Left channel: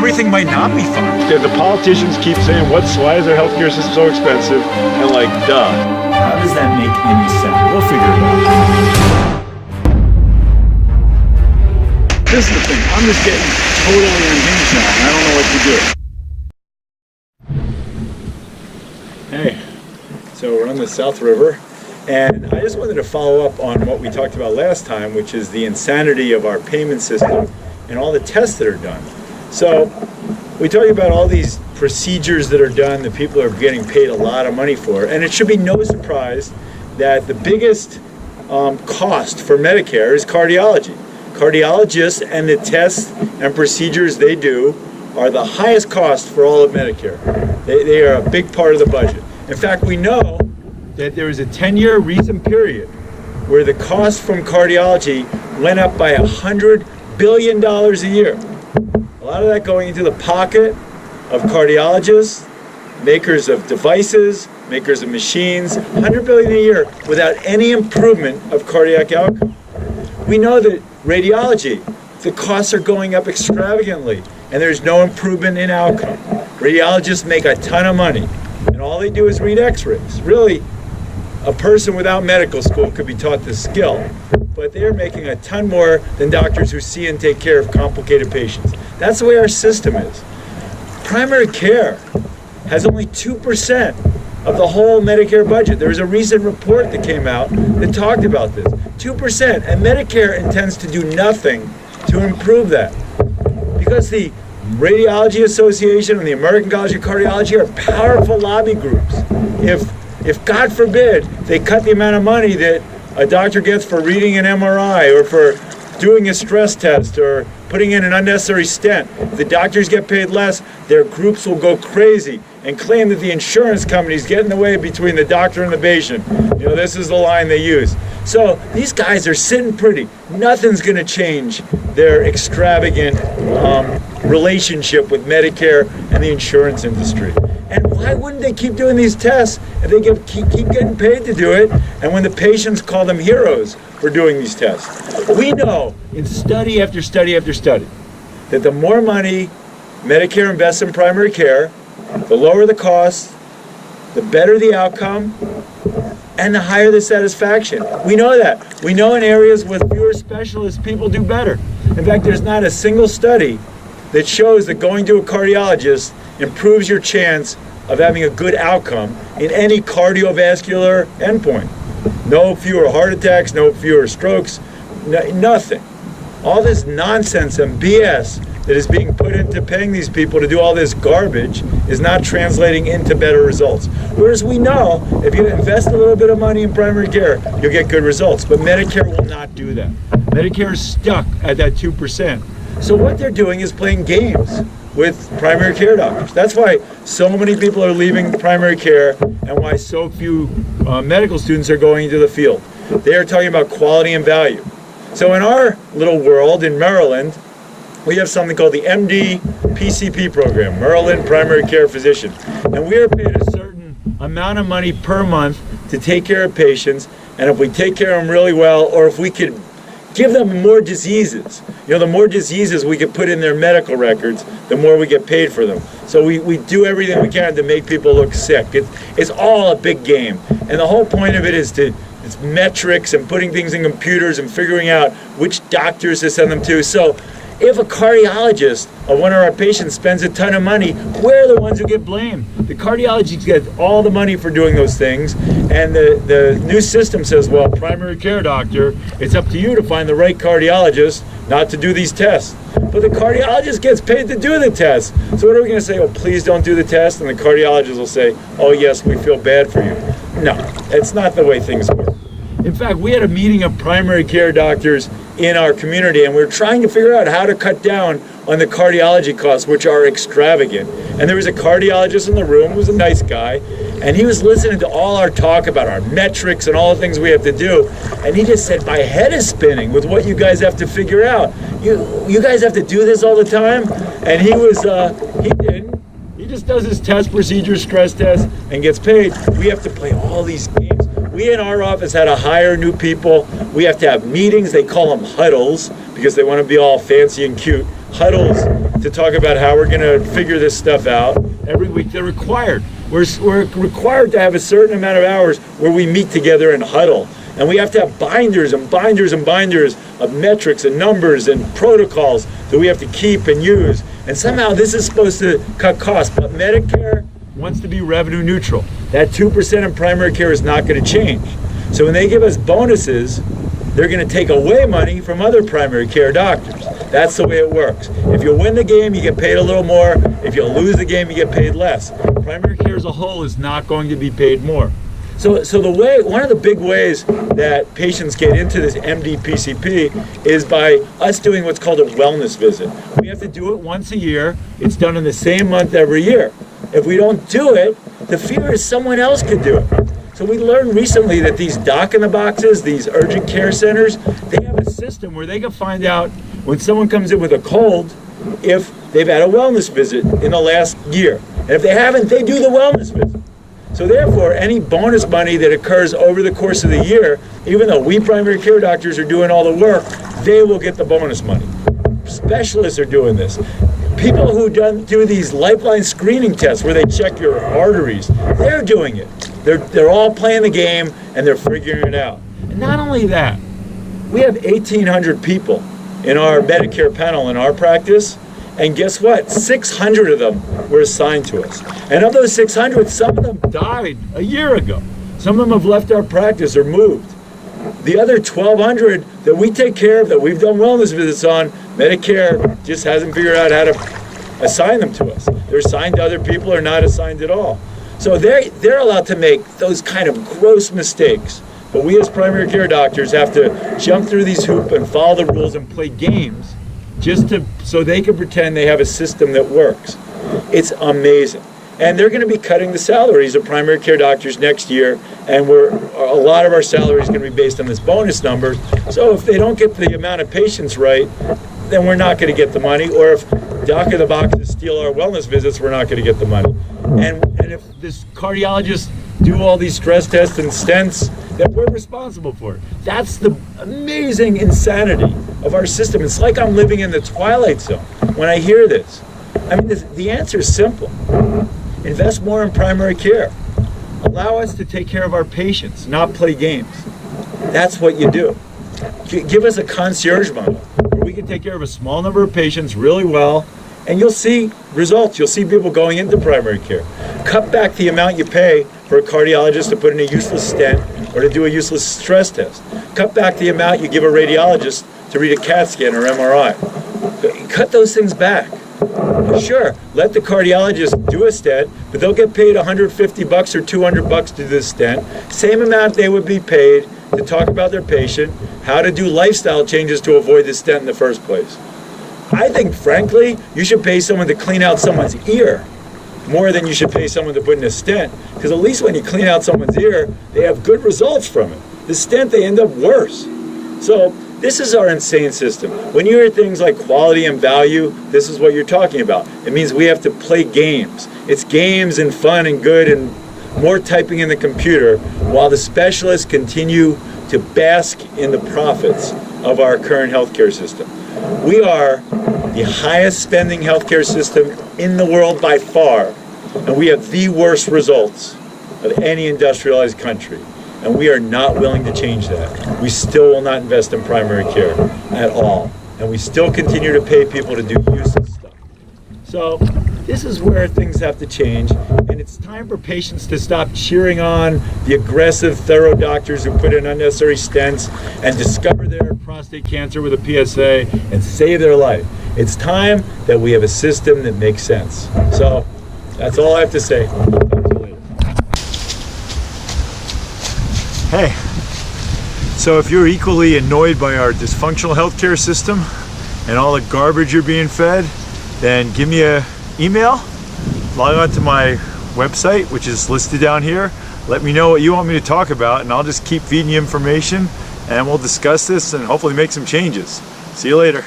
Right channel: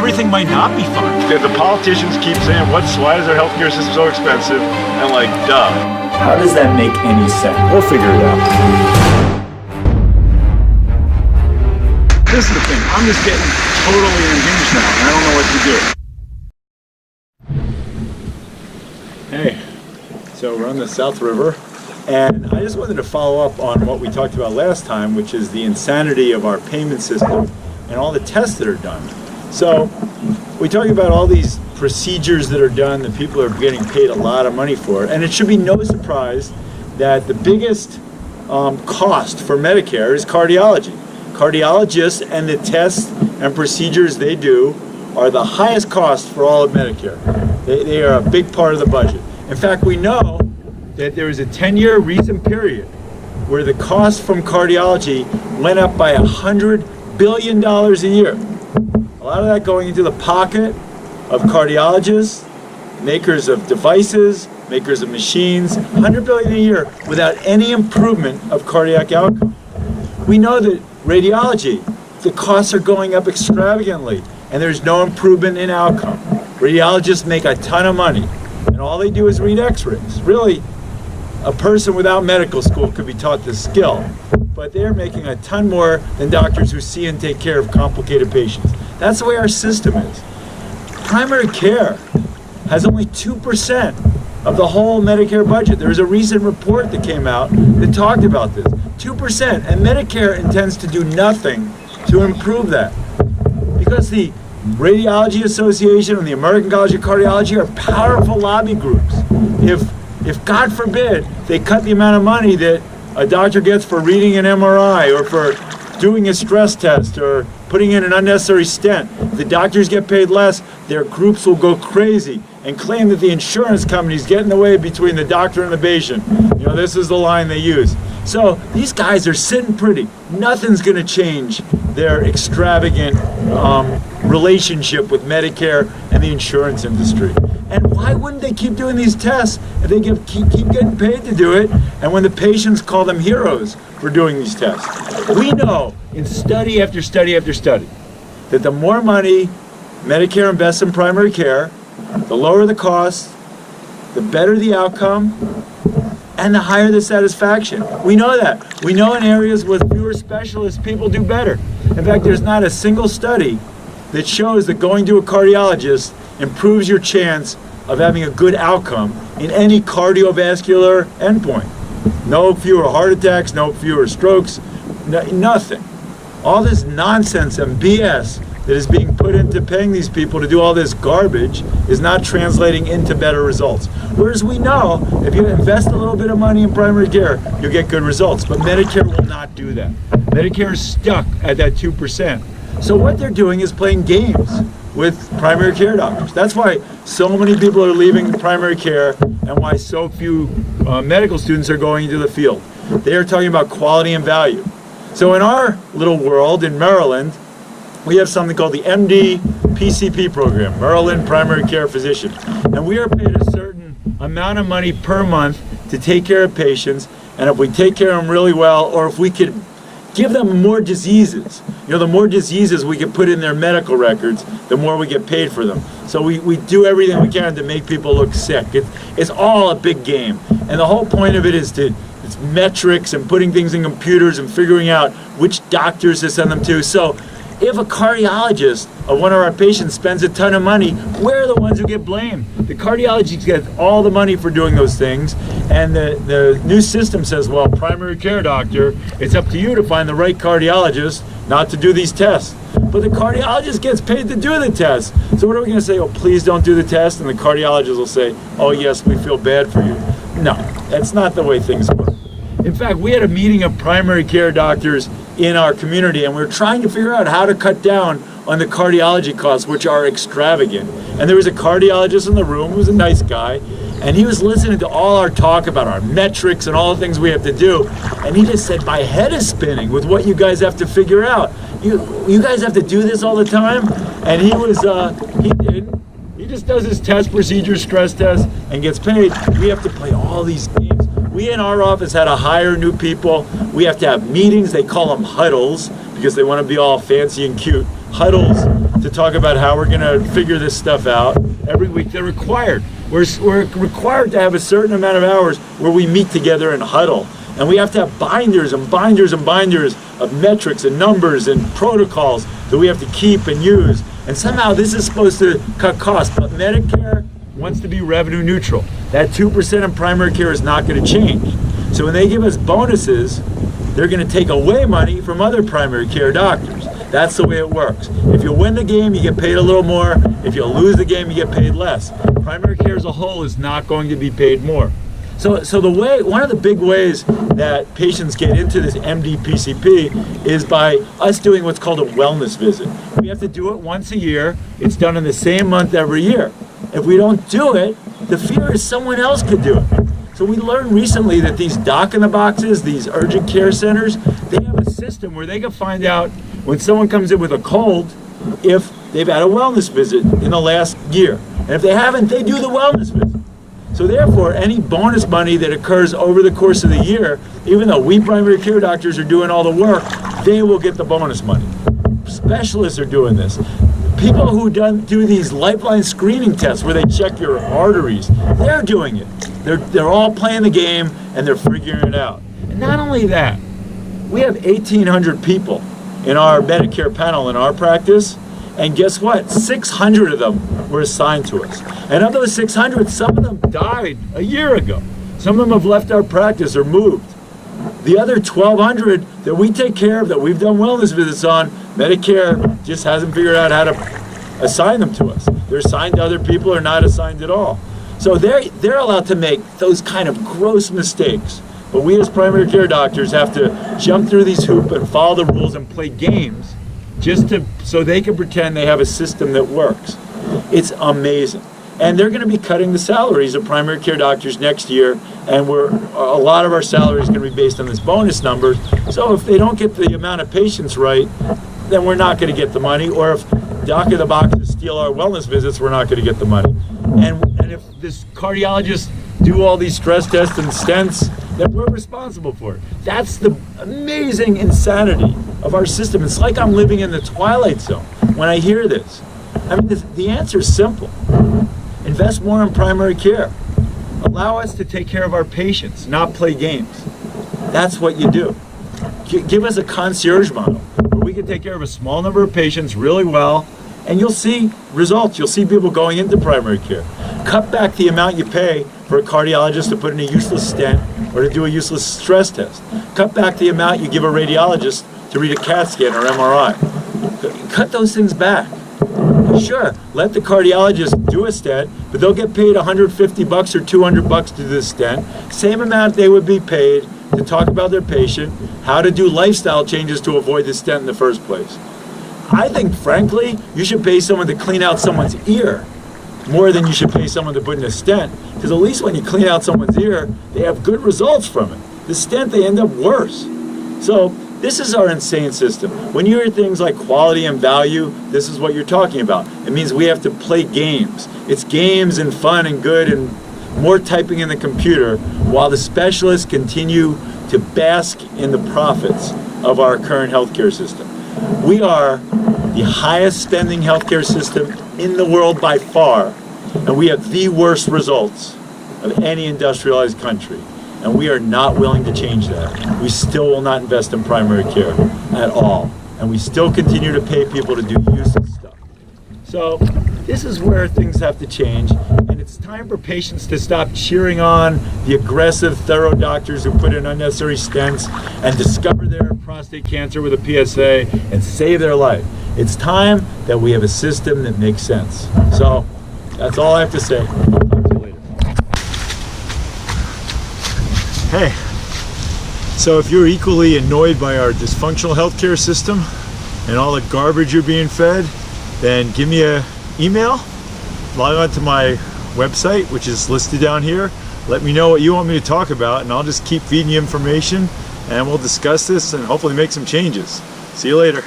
everything might not be fun. Yeah, the politicians keep saying, why is our healthcare system so expensive? And like, duh. How does that make any sense? We'll figure it out. This is the thing, I'm just getting totally unhinged now, and I don't know what to do. Hey, so we're on the South River, and I just wanted to follow up on what we talked about last time, which is the insanity of our payment system and all the tests that are done. So we talked about all these procedures that are done that people are getting paid a lot of money for, and it should be no surprise that the biggest cost for Medicare is cardiology. Cardiologists and the tests and procedures they do are the highest cost for all of Medicare. They are a big part of the budget. In fact, we know that there was a 10-year recent period where the cost from cardiology went up by $100 billion a year. A lot of that going into the pocket of cardiologists, makers of devices, makers of machines, $100 billion a year without any improvement of cardiac outcome. We know that radiology, the costs are going up extravagantly and there's no improvement in outcome. Radiologists make a ton of money and all they do is read x-rays. Really, a person without medical school could be taught this skill, but they're making a ton more than doctors who see and take care of complicated patients. That's the way our system is. Primary care has only 2% of the whole Medicare budget. There was a recent report that came out that talked about this. 2%, and Medicare intends to do nothing to improve that. Because the Radiology Association and the American College of Cardiology are powerful lobby groups. If God forbid they cut the amount of money that a doctor gets for reading an MRI or for doing a stress test or putting in an unnecessary stent, if the doctors get paid less, their groups will go crazy and claim that the insurance companies get in the way between the doctor and the patient. You know, this is the line they use. So these guys are sitting pretty. Nothing's going to change their extravagant relationship with Medicare and the insurance industry. And why wouldn't they keep doing these tests if they keep getting paid to do it, and when the patients call them heroes for doing these tests? We know in study after study after study that the more money Medicare invests in primary care, the lower the cost, the better the outcome, and the higher the satisfaction. We know that. We know in areas with fewer specialists, people do better. In fact, there's not a single study that shows that going to a cardiologist improves your chance of having a good outcome in any cardiovascular endpoint. No fewer heart attacks, no fewer strokes, nothing. All this nonsense and BS that is being put into paying these people to do all this garbage is not translating into better results. Whereas we know if you invest a little bit of money in primary care, you'll get good results. But Medicare will not do that. Medicare is stuck at that 2%. So what they're doing is playing games with primary care doctors. That's why so many people are leaving primary care and why so few medical students are going into the field. They are talking about quality and value. So in our little world in Maryland, we have something called the MD PCP program, Maryland Primary Care Physician. And we are paid a certain amount of money per month to take care of patients. And if we take care of them really well, or if we could give them more diseases, you know, the more diseases we could put in their medical records, the more we get paid for them. So we do everything we can to make people look sick. It's all a big game. And the whole point of it is it's metrics and putting things in computers and figuring out which doctors to send them to. So if a cardiologist of one of our patients spends a ton of money, we're the ones who get blamed. The cardiologists get all the money for doing those things, and the new system says, well, primary care doctor, it's up to you to find the right cardiologist not to do these tests. But the cardiologist gets paid to do the test. So what are we going to say? Oh, please don't do the test? And the cardiologist will say, oh, yes, we feel bad for you. No, that's not the way things work. In fact, we had a meeting of primary care doctors in our community, and we were trying to figure out how to cut down on the cardiology costs, which are extravagant. And there was a cardiologist in the room who was a nice guy, and he was listening to all our talk about our metrics and all the things we have to do, and he just said, my head is spinning with what you guys have to figure out. You guys have to do this all the time? And he didn't. He just does his test procedures, stress tests, and gets paid. We have to play all these games. We in our office had to hire new people. We have to have meetings. They call them huddles because they want to be all fancy and cute. Huddles to talk about how we're going to figure this stuff out. Every week they're required. We're required to have a certain amount of hours where we meet together and huddle. And we have to have binders and binders and binders of metrics and numbers and protocols that we have to keep and use. And somehow this is supposed to cut costs, but Medicare wants to be revenue neutral. That 2% in primary care is not going to change. So when they give us bonuses, they're going to take away money from other primary care doctors. That's the way it works. If you win the game, you get paid a little more. If you lose the game, you get paid less. Primary care as a whole is not going to be paid more. So one of the big ways that patients get into this MD PCP is by us doing what's called a wellness visit. We have to do it once a year. It's done in the same month every year. If we don't do it, the fear is someone else could do it. So we learned recently that these doc-in-the-boxes, these urgent care centers, they have a system where they can find out when someone comes in with a cold if they've had a wellness visit in the last year. And if they haven't, they do the wellness visit. So therefore, any bonus money that occurs over the course of the year, even though we primary care doctors are doing all the work, they will get the bonus money. Specialists are doing this. People who do these lifeline screening tests where they check your arteries, they're doing it. They're all playing the game and they're figuring it out. And not only that, we have 1,800 people in our Medicare panel in our practice, and guess what? 600 of them were assigned to us. And of those 600, some of them died a year ago. Some of them have left our practice or moved. The other 1,200 that we take care of, that we've done wellness visits on, Medicare just hasn't figured out how to assign them to us. They're assigned to other people or not assigned at all. So they're allowed to make those kind of gross mistakes. But we as primary care doctors have to jump through these hoops and follow the rules and play games so they can pretend they have a system that works. It's amazing. And they're going to be cutting the salaries of primary care doctors next year, and a lot of our salary is going to be based on this bonus number. So if they don't get the amount of patients right, then we're not going to get the money. Or if doc-in-the-boxes steal our wellness visits, we're not going to get the money. And if this cardiologists do all these stress tests and stents, then we're responsible for it. That's the amazing insanity of our system. It's like I'm living in the Twilight Zone when I hear this. I mean, the answer is simple. Invest more in primary care. Allow us to take care of our patients, not play games. That's what you do. Give us a concierge model where we can take care of a small number of patients really well, and you'll see results. You'll see people going into primary care. Cut back the amount you pay for a cardiologist to put in a useless stent or to do a useless stress test. Cut back the amount you give a radiologist to read a CAT scan or MRI. Cut those things back. Sure, let the cardiologist do a stent, but they'll get paid $150 or $200 to do the stent. Same amount they would be paid to talk about their patient, how to do lifestyle changes to avoid the stent in the first place. I think, frankly, you should pay someone to clean out someone's ear more than you should pay someone to put in a stent, because at least when you clean out someone's ear, they have good results from it. The stent, they end up worse. So this is our insane system. When you hear things like quality and value, this is what you're talking about. It means we have to play games. It's games and fun and good and more typing in the computer while the specialists continue to bask in the profits of our current healthcare system. We are the highest spending healthcare system in the world by far, and we have the worst results of any industrialized country. And we are not willing to change that. We still will not invest in primary care at all. And we still continue to pay people to do useless stuff. So this is where things have to change. And it's time for patients to stop cheering on the aggressive, thorough doctors who put in unnecessary stents and discover their prostate cancer with a PSA and save their life. It's time that we have a system that makes sense. So that's all I have to say. I'll talk to you later. Hey, so if you're equally annoyed by our dysfunctional healthcare system and all the garbage you're being fed, then give me an email, log on to my website, which is listed down here. Let me know what you want me to talk about, and I'll just keep feeding you information, and we'll discuss this and hopefully make some changes. See you later.